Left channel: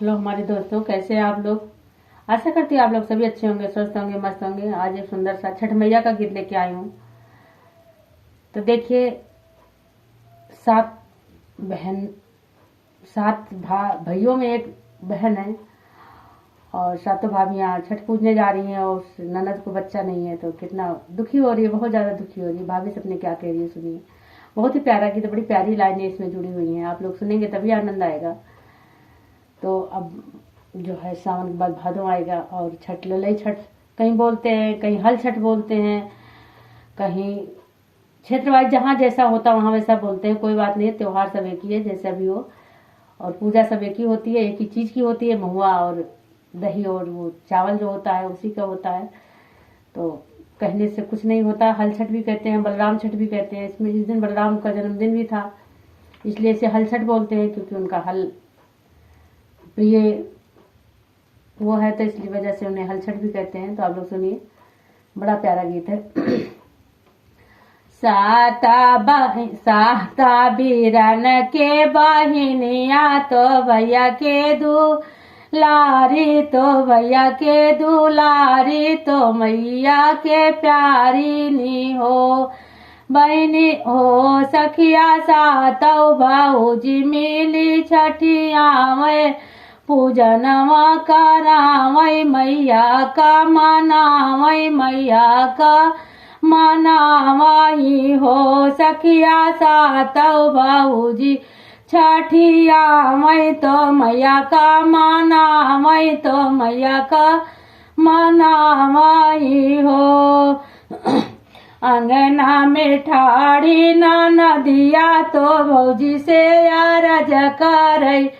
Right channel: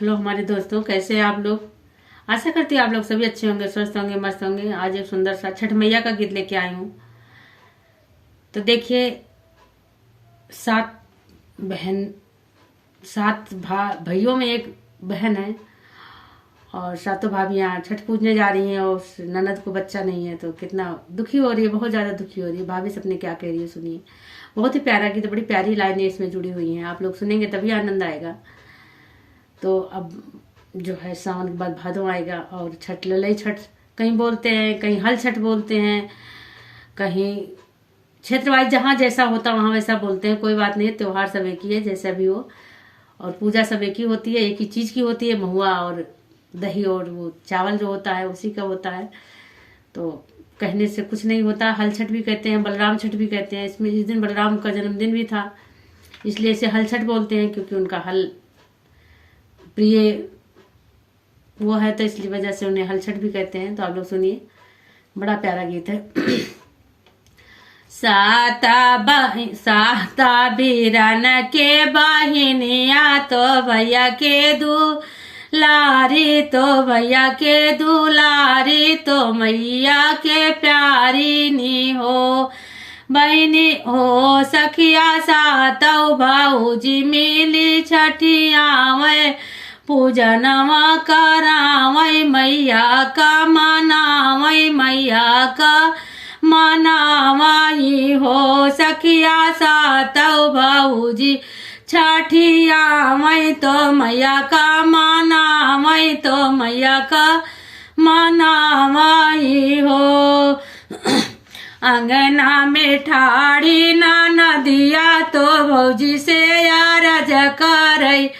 Hello हमारे दोस्तों, कैसे हैं आप लोग। आशा करती हूँ आप लोग सभी अच्छे होंगे, स्वस्थ होंगे, मस्त होंगे। आज एक सुंदर सा छठ मैया का गीत लेके आई हूँ। तो देखिए, सात बहन, सात भाइयों में एक बहन है और सातों भाभियाँ छठ पूजने जा रही हैं और उस ननद को बच्चा नहीं है। तो कितना दुखी हो रही है, बहुत ज़्यादा दुखी हो रही है। भाभी सबने क्या कह रही है सुनिए। बहुत ही प्यारा गीत, बड़ी प्यारी लाइनें इसमें जुड़ी हुई हैं। आप लोग सुनेंगे तभी आनंद आएगा। तो अब जो है सावन के बाद भादों आएगा और छठ, ललई छठ कहीं बोलते हैं, कहीं हल छठ बोलते हैं, कहीं क्षेत्र वाइज जहाँ जैसा होता वहाँ वैसा बोलते हैं। कोई बात नहीं, त्योहार सब एक ही है जैसा भी हो, और पूजा सब एक ही होती है, एक ही चीज़ की होती है। महुआ और दही और वो चावल जो होता है उसी का होता है। तो कहने से कुछ नहीं होता। हल छठ भी कहते हैं, बलराम छठ भी कहते हैं। इसमें इस दिन बलराम का जन्मदिन भी था, इसलिए इसे हल छठ बोलते हैं, क्योंकि उनका हल प्रिय वो है, तो इसलिए वजह से उन्हें हल छठ भी कहते हैं। तो आप लोग सुनिए, बड़ा प्यारा गीत है। साता बीरन के बहिनिया तो भैया के दुलारी, तो भैया के दुलारी, तो मैया के प्यारी नी हो। बहनी हो सखिया सातौ भाऊजी मिली छठिया में पूजनवा करावै मैया का मनावै, मैया का मनावाई हो। सखिया सातौ भाऊजी छठिया मैं तो मैया का मनावै, तो मैया का मनावाई हो। अंगना में ठाड़ी ना नदिया, तो भौजी से यारज करई,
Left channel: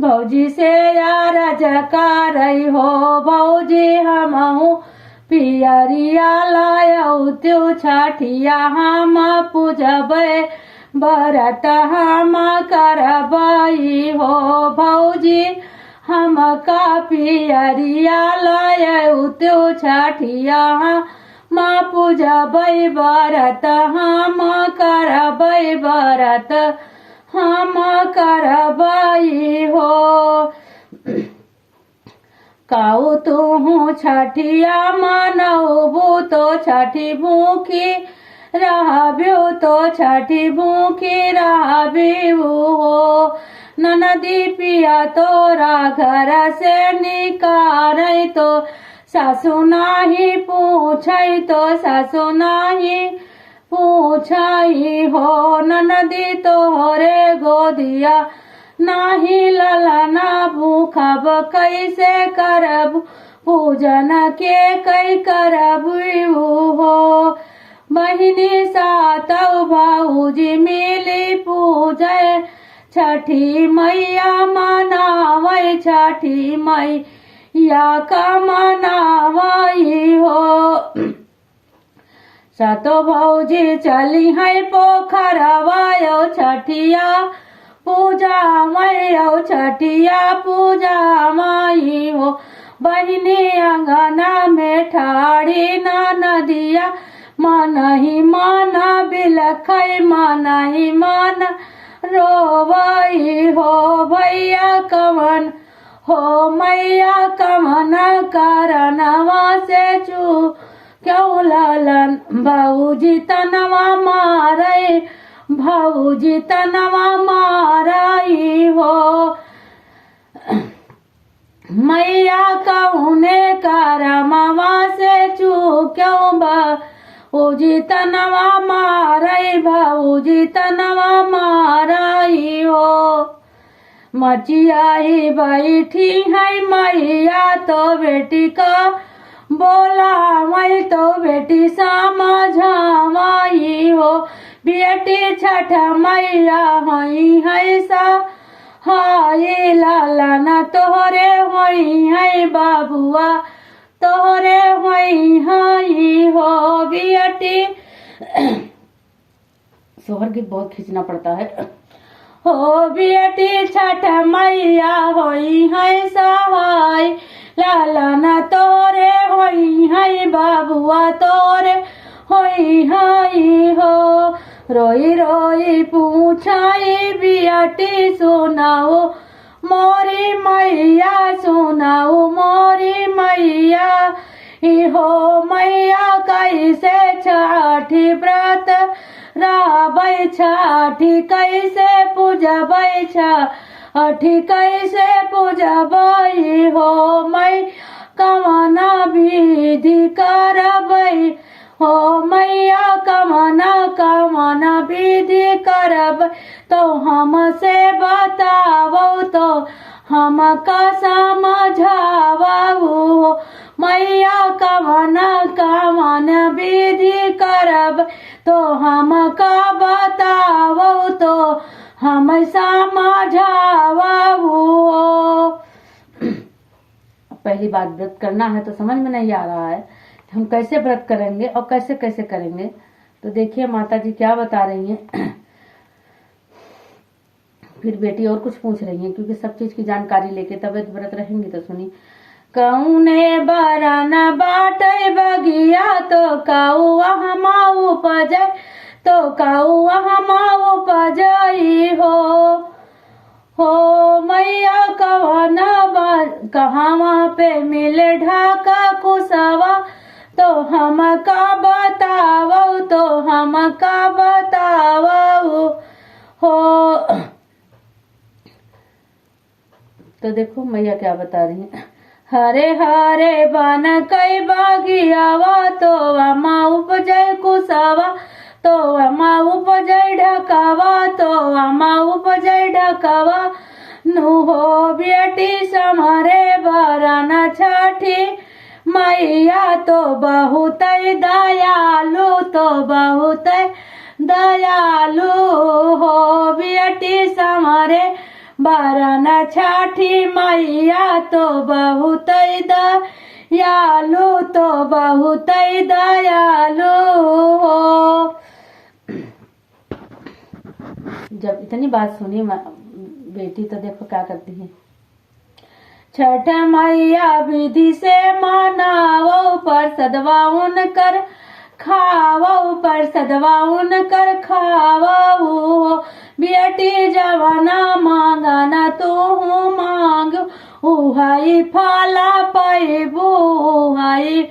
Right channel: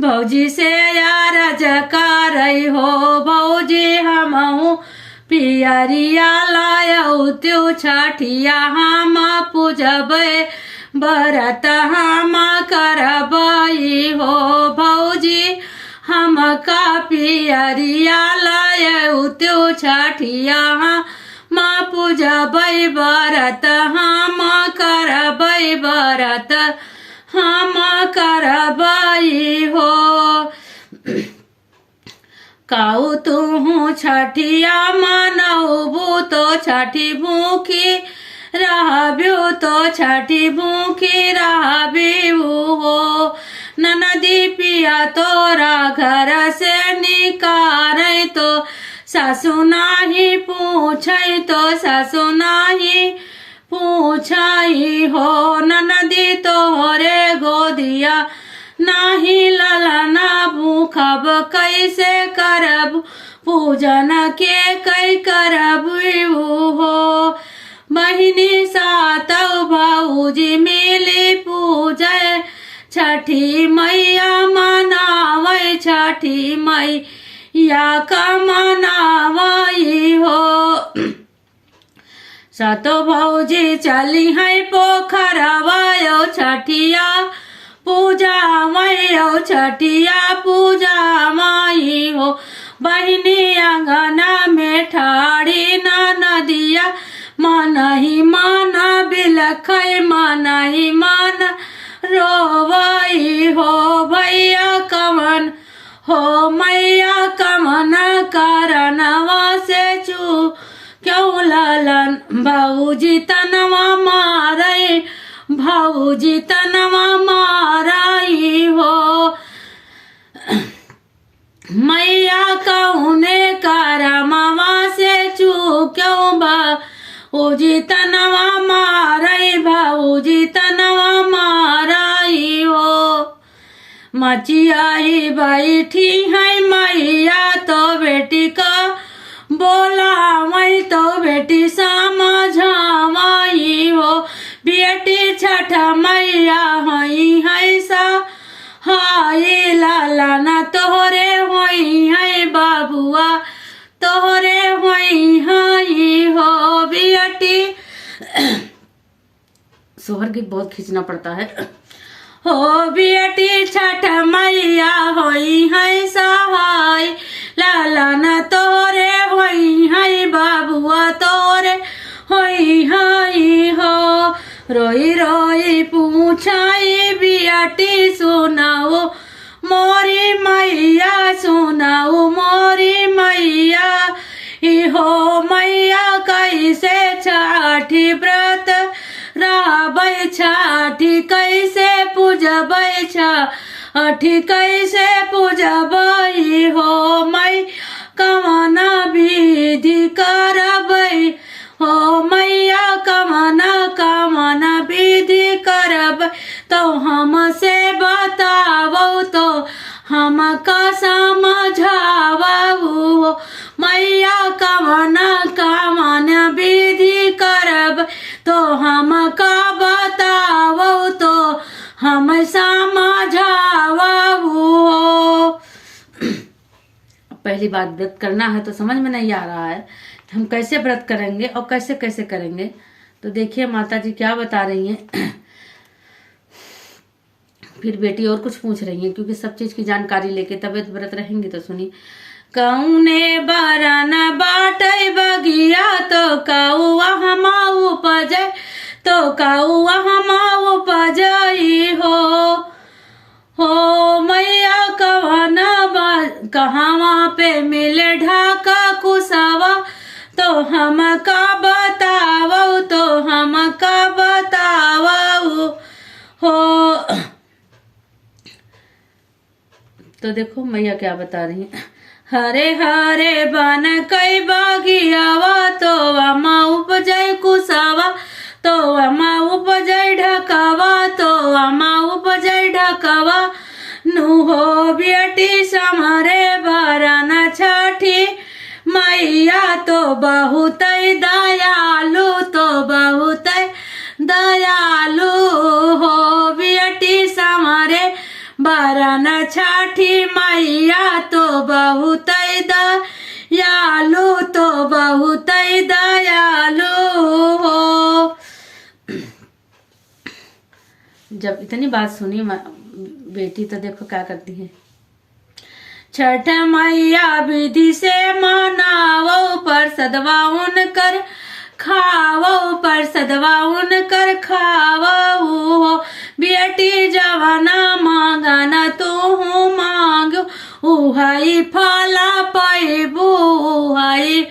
भौजी से यारज करई हो। भौजी हमहू पियरिया लायौ त्यो छठिया हम पूजबै, बरत हम करबई हो। भौजी हम का पियरिया लायौ त्यो छठिया हम पूजबै, बरत हम करबै, बरत हम करबई हो। काऊ तू छठिया मनौबू तो छठी भूखी रहब्यू, तो छठी भूखी रहब्यू हो। ननदी पिया तोरा घर से निकारै, तो सासु नाही पूछै, तो सासु नाही पूछै हो। ननदी तोहरे गोदिया नाही ललना भूखब, कैसे करब पूजन के कै करब हो। बहिनी सातौ भाऊजी मिली पूजै छठी मैया मनावै, छठी मैया का मनावई हो। सातो भौजी चली है पोखरवा छठिया पूजा मैयो, छठिया पूजा माई हो। बहिनी अंगना में ठाड़ी ना नदिया, मन ही मन बिलखै, मन ही मन रोवई हो। भैया कमन हो मैया कमन करनवा से चू क्यों ललन, भौजी तनवा मारै, भौजी तनवा माराई हो। मैया कौने करमवा से चूक्यों, भौजी तनवा माराई, भौजी तनवा माराई हो। मचियाई बैठी है मैया तो बेटी का बोला, मैं तो बेटी समझावाई हो। बेटी छठ मैया हई है सा हाय लाला, तोहरे होई है बाबुआ, तोहरे होई हई हो। बेटी सोहर गीत बहुत खींचना पड़ता है हो। बेटी छठ मैया होई है सहाय लाला, तोरे होई है बाबुआ, तोरे होई हई हो। रोई रोई पूछाई बियाटी सुनाओ मोरी मैया सुनाऊ मोरी मैया इहो मैया कैसे छठी व्रत राबै छठी कैसे पूजबै छठी कैसे पूजबै हो मै कमना विधि करबै हो मैया कमना विधि करबै तो हमसे बताबो तो हम का समझाबू हो मैया कमना विधि करबै तो हम का बताबो तो हम समझाबू हो। पहली बात, व्रत करना है तो समझ में नहीं आ रहा है हम कैसे व्रत करेंगे और कैसे कैसे करेंगे। तो देखिए माता जी क्या बता रही हैं। फिर बेटी और कुछ पूछ रही है, क्योंकि सब चीज की जानकारी लेके तबियत व्रत रहेंगी। तो सुनी, कौने बरन बाटे बगिया तो कौआ हम उपजै तो कौआ हम उपजई हो मैया कहाँ पे मिले ढाका कुसवा तो हम का बतावो तो हम का बतावो हो। तो देखो मैया क्या बता रही है, हरे हरे बन कई बगियावा तो अमा उपजय कुसवा तो अमा उपजय ढकवा तो अमा उपजय ढकवा नुहो बेटी समरे बरन छठी मैया तो बहुत दयालु तो बहुत दयालु हो बेटी समरे बरन छठी मैया तो बहुत दयालु तो बहुत दयालु हो। जब इतनी बात सुनी बेटी तो देखो क्या करती है, छठ मैया विधि से मनावो पर सदवा उनकर खावो पर सदवा उनकर खावो बेटी जवाना मांगना तू मांगो उहाई फला पैबू उहाई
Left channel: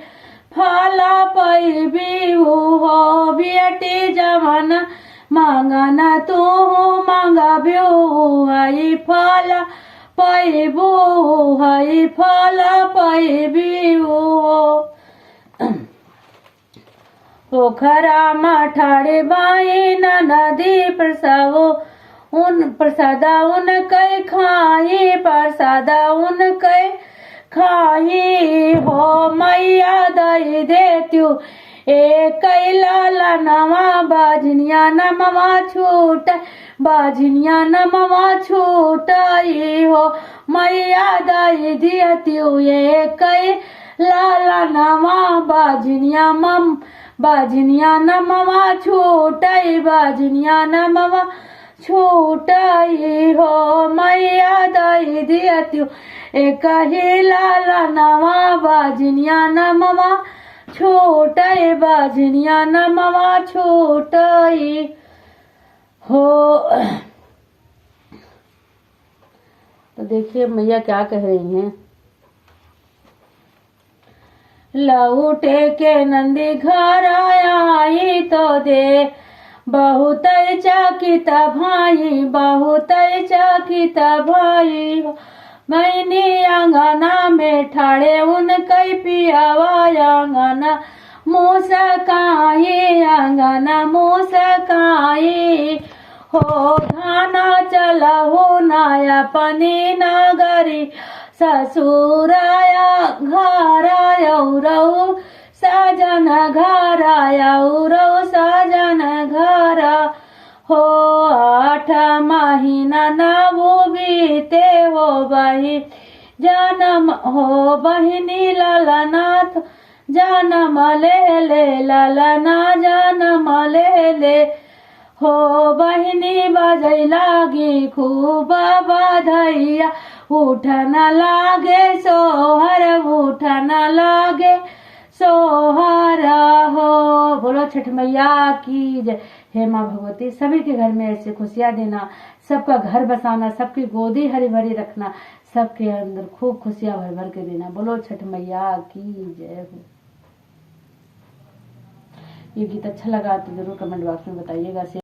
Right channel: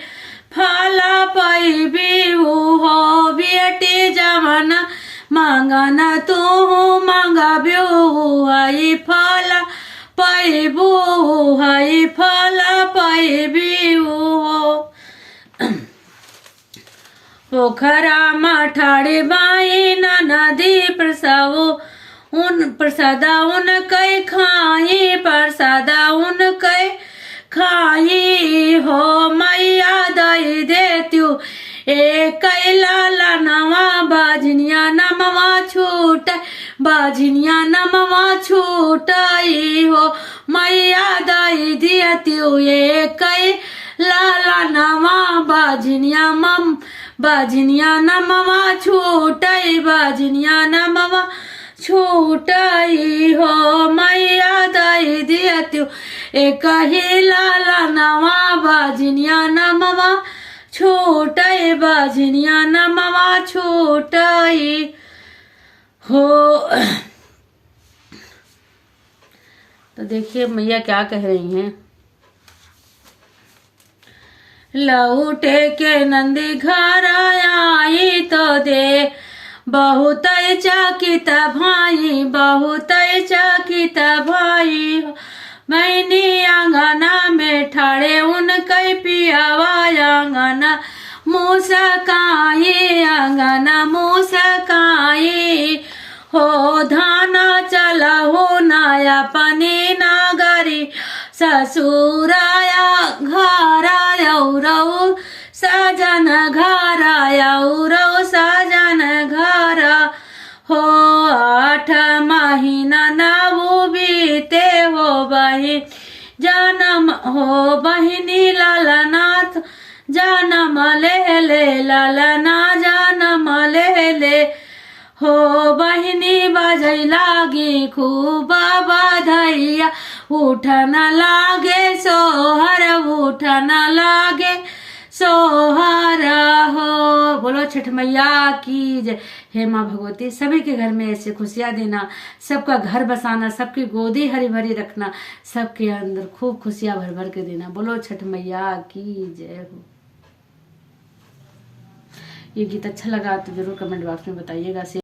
फला पैबी हो बेटी जवाना मांगना तू मांगबो उहाई फला पैबू उहाई फला पैबी हो। पोखरा मठाड़े बाई नदी प्रसवो उन प्रसादा उन कई खाई प्रसादा उन कई खाई हो मैया दई देत्यू एक लाला नवा बाजनिया नमवा छूट बाजनिया नमवा छूटाई हो मैया दई दियत्यू एक लाला नवा बाजनिया मम बाजनिया नमवा छूटाई बाजनिया नमवा छूटाई हो मैया दई दियत्यू एक ही लाला नवा बाजनिया नमवा छूटाई बाजनिया नमवा छूटाई हो। तो देखिए मैया क्या कह रही हैं, लौटे के नंदी घर आई तो दे बहुत चकित भाई बहुत चकित भाई मैनी आंगना में ठाड़े उन कई पियावा आंगना मुसकाई आंगना मुसकाई हो धाना चला हो नाया पनी नगरी ससुराया घराया रऊ सजन घराया रऊ सजन घर हो 8 महीना नवो बीते हो बही जन्म हो बहिनी ललनाथ जन्म ले ललना जन्म ले हो बहिनी बजै लागी खूब बधैया उठन लागे सोहर उठन लागे सोहारा हो। बोलो छठ मैया की जय। हे माँ भगवती, सभी के घर में ऐसे खुशियां देना, सबका घर बसाना, सबकी गोदी हरी भरी रखना, सबके अंदर खूब खुशियां भर भर के देना। बोलो छठ मैया की जय हो। ये गीत अच्छा लगा तो जरूर कमेंट बॉक्स में बताइएगा।